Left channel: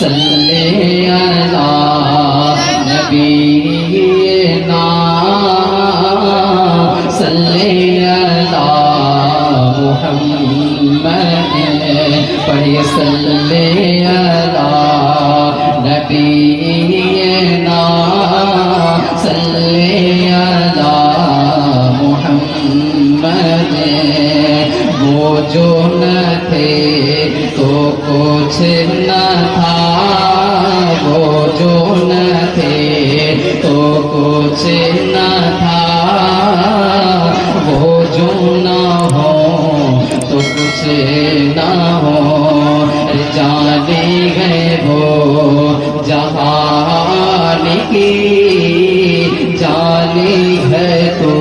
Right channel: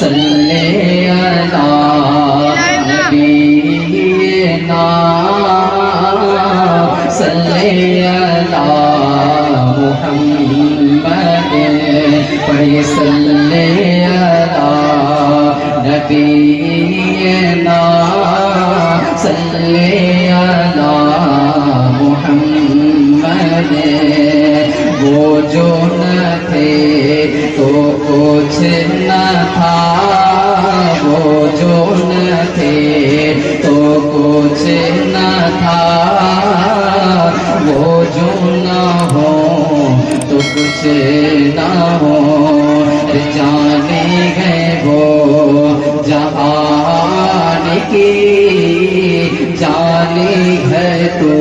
صلی علی نبینا صلی علی محمد پڑھی صلی علی نبینا صلی علی محمد وہ جو نہ تھے تو کچھ نہ تھا وہ جو نہ تھے تو کچھ نہ تھا وہ جو نہ ہو تو کچھ نہ ہو جانے گئے وہ جہان کی جانے ہے تو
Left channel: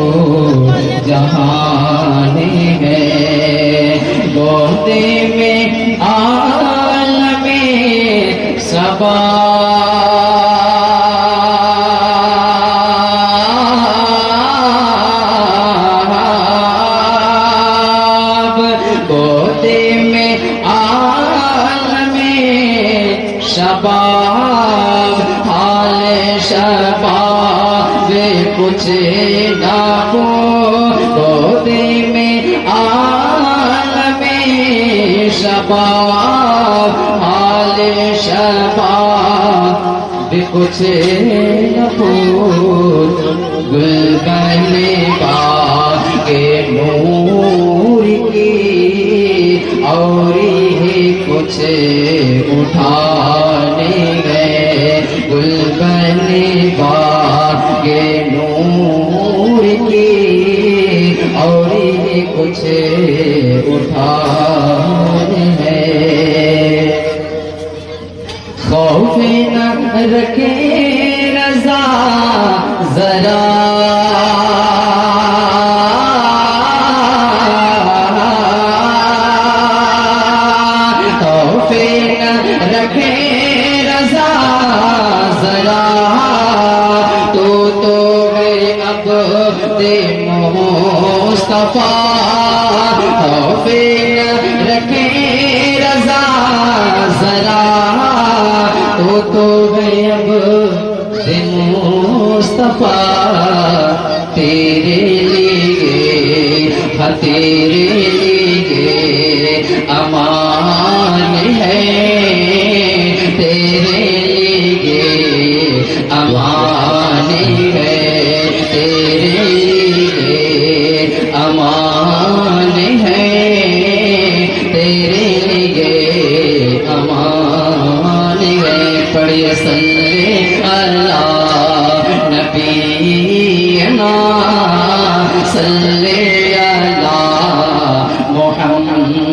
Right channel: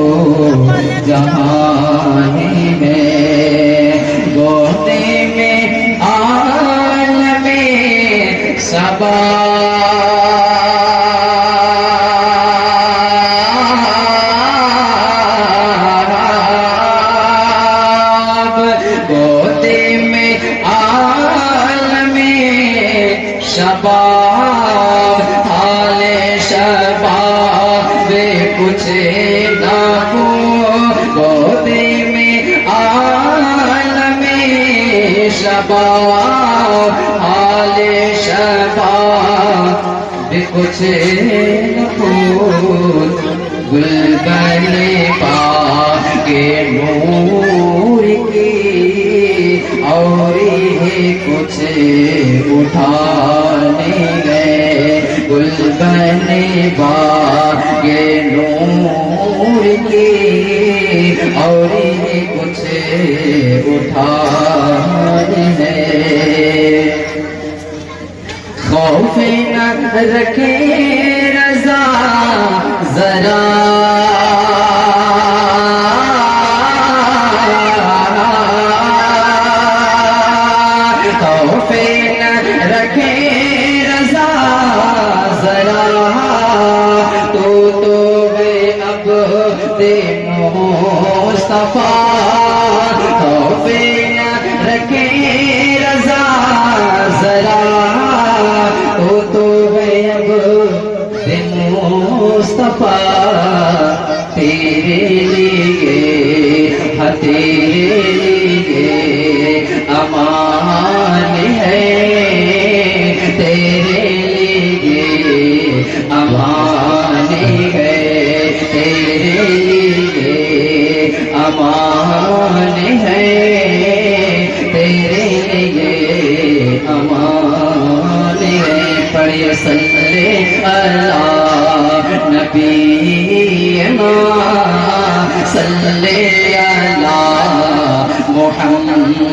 جہان ہے بوتے میں عالم صبا شباب حال شباب کچھ نہ ہو گودے میں عالم شباب حال شباب کچھ نہ ہو گلبن باغ کے نور کی اور کچھ اٹھانے گئے گلبن باغ کے نور کی اور کچھ اٹھانے ہیں خوف نہ رکھے رضا ذرا مصطفیٰ خوف رکھے رضا ذرا تو ہے اب دن مصطفیٰ تیرے لیے تیرے لیے امان ہے تیرے لیے امان ہے تیرے لیے امان ہے تیرے لیے امان ہے پڑھیے صلی علی نبینا صلی علی محمد